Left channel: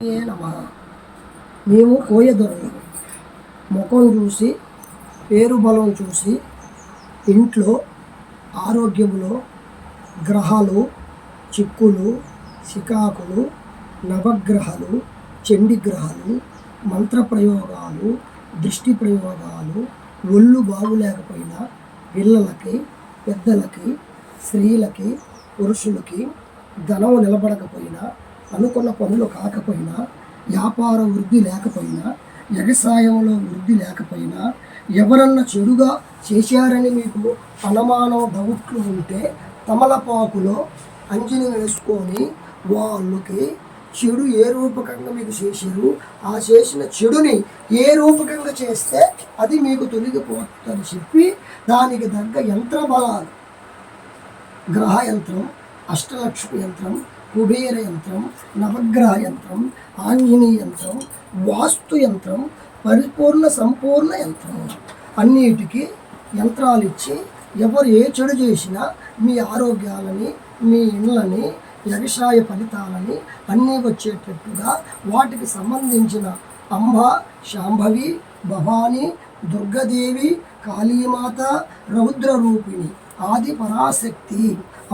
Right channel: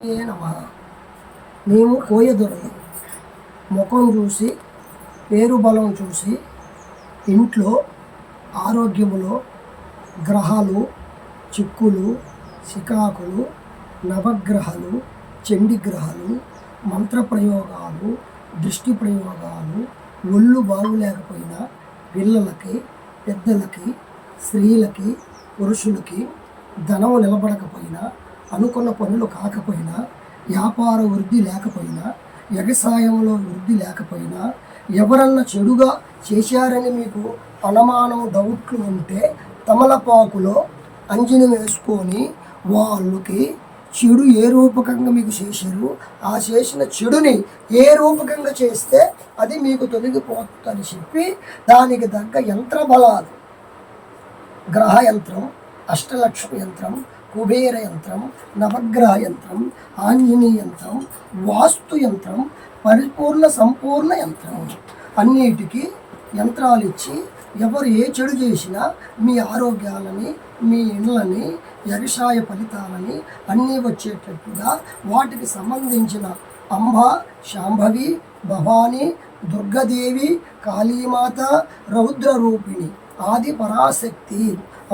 ఏ నమః. మేము కోయదొరలు ముఖం చూసి పేరు బలం చూసి ఇంట్లో ఆరోగ్యములో గ్రహాలు చిక్కులు శికాకులు నవగ్రహాలు చండీగ్రహాలు మంత్రప్రయోగాలు దృష్టి ప్రయోగాలు ఒళ్ళు బాగులేకపోయినా పిల్లలకి పెద్దలకి స్త్రీలకి పురుషులకి ధనం నిలబడకపోయినా అనుకున్న పనులు కాకపోయినా వ్యాపార వృద్ధి లేకపోయినా వ్యవసాయంలో వృద్ధి లేకపోయినా ఎవరన్నా చెడుగా చేశారని మీకు అనుమానం డౌట్లు ఉంటే తమలపాకులో అంజలి వేసుకొని వాళ్ళకి చెడు ఏ రూపకంగా మీకు చేశారు ఆ చేసిన చెడుని ఏ రూపకంగా చేస్తే అది మీకు తొలగిపోతుందని చెప్పి దానికి తగ్గ యంత్ర బలాలు గ్రహ యంత్రం అష్టలక్ష్మి యంత్రం కుబేర యంత్రం నవగ్రహ యంత్రం ఆంజనేయ యంత్రం వాస్తు యంత్రం పరిపూర్ణ సంపూర్ణ యంత్రం అన్నిటికీ యంత్రాలు ఇచ్చి ఎవరు ఏ చెడు చేసినా మీ ఆరోగ్యాలని మీ ఇళ్ళని వ్యవసాయ ఫలితాలని అన్నీ వచ్చేటట్టుగా వాటికి సంబంధించిన అంబ శాంభవి భవాని దుర్గదేవి కాళీమాత రౌద్ర రూపిణి ఆది పరాశక్తి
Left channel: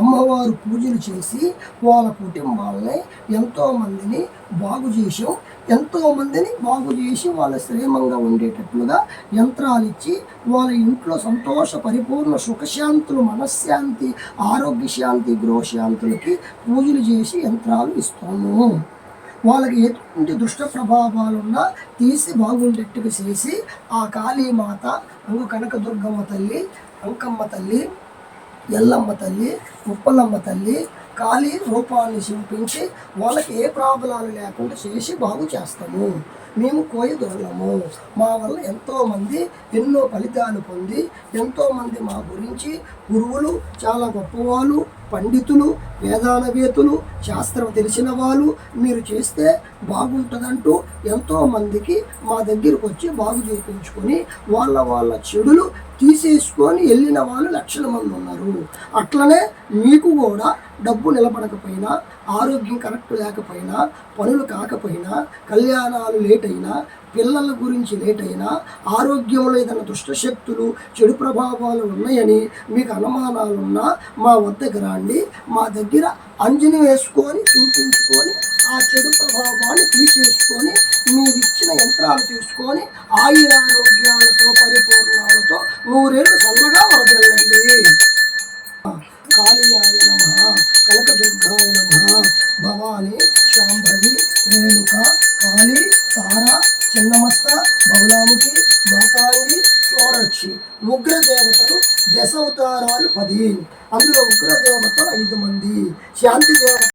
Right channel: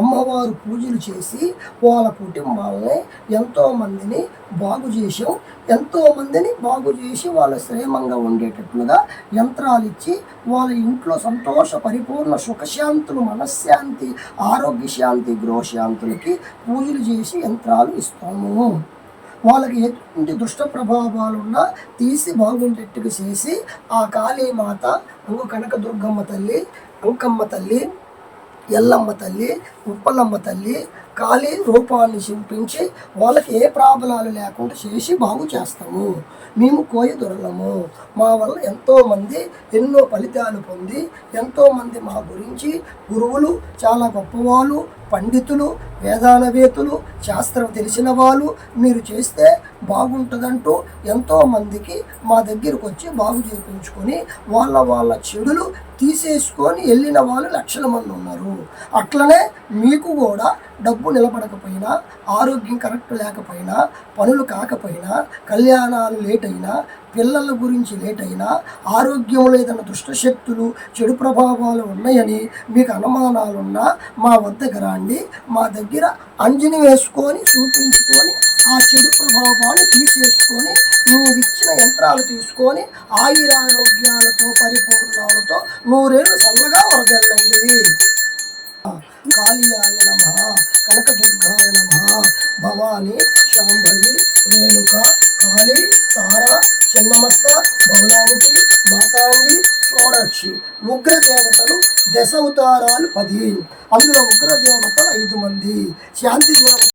అమ్మవారు పూజలు చేసి వాళ్ళ కుటుంబాలని ఎంతోమందిని బాగు చేసి వాళ్ళ శ్రేమంగా ఉండేటట్లుగా యంత్రాలు ఇచ్చి వాళ్ళ ఇంట్లో సంతోష పరిపూర్ణ సుఖశాంతులు మనశ్శాంతి ఆరోగ్య శాంతి గృహశాంతులకి పూజలు చేసి యంత్రాలు ఇస్తాము. వాళ్ళకి ఎటువంటి దుష్ట ప్రభావాలున్నా తీసి బాగుండేట్టుగా చేసి ఆ కాళీమాత కనకదుర్గమ్మ తల్లి అంకమ్మ తల్లి ఎల్లమ్మ తల్లి ఉప్పలమ్మ తల్లి కాళీ రూపాన్ని చూపించి వాళ్ళకి ఏ ప్రాబ్లాలు లేకుండా చేసి బాగు చేస్తాము. మేము కోయదొరలము. మా వల్ల ఎంతోమంది ఎన్నో ఫలితాలు పొంది ఎంతోమంది మా గురించి గురువులు చాలా గొప్పవాళ్ళు పండితులు వేదానవేతులు శాస్త్రం తెలిసిన వాళ్ళు మీరు చేస్తే బాగుంటుందంటూ ఎంతోమందికి మా దగ్గరకు వచ్చి బాగు చేయించుకొని వాళ్ళ చెడులు తీసేసుకొని వెళ్ళిన వాళ్ళు లక్షల మంది ఉన్నారు. అట్లనే మీకు కూడా డబ్బు నిలబడకపోయినా ఆరోగ్యం కరెక్ట్ లేకపోయినా పనులు కాకపోయినా కళ్యాణాలు లేట్ అయినా పిల్లల గురించి లేట్ అయినా ఆరోగ్యంలో ఏదైనా దుష్టశక్తులు చెడు ప్రభావాలు ఉన్నాయని మీకు అనుమానాలున్నా మా వద్దకు రండి. మా దగ్గర అంజని వేసుకొని చూపించుకొని ఆ చెడు ప్రభావాన్ని తీసేసుకొని మీరు ఇచ్చిన యంత్రాలు తీసుకొని ఆయురారోగ్యాలతో పరిపూర్ణాలతో నూరేళ్ళు చల్లగా వరదల్లండి. కాళీయాయ నమః కనకదుర్గాయ నమః భవాని శాంభవి రేణుక కాళీ తార చిన్నమస్త భవనాముఖి మాతాంగి షోడక్షి ఉగ్రదేవతలు దశ అవతారాలు 10. అందులో ఉగ్రదేవతలు 5 మంది శాంతి దేవత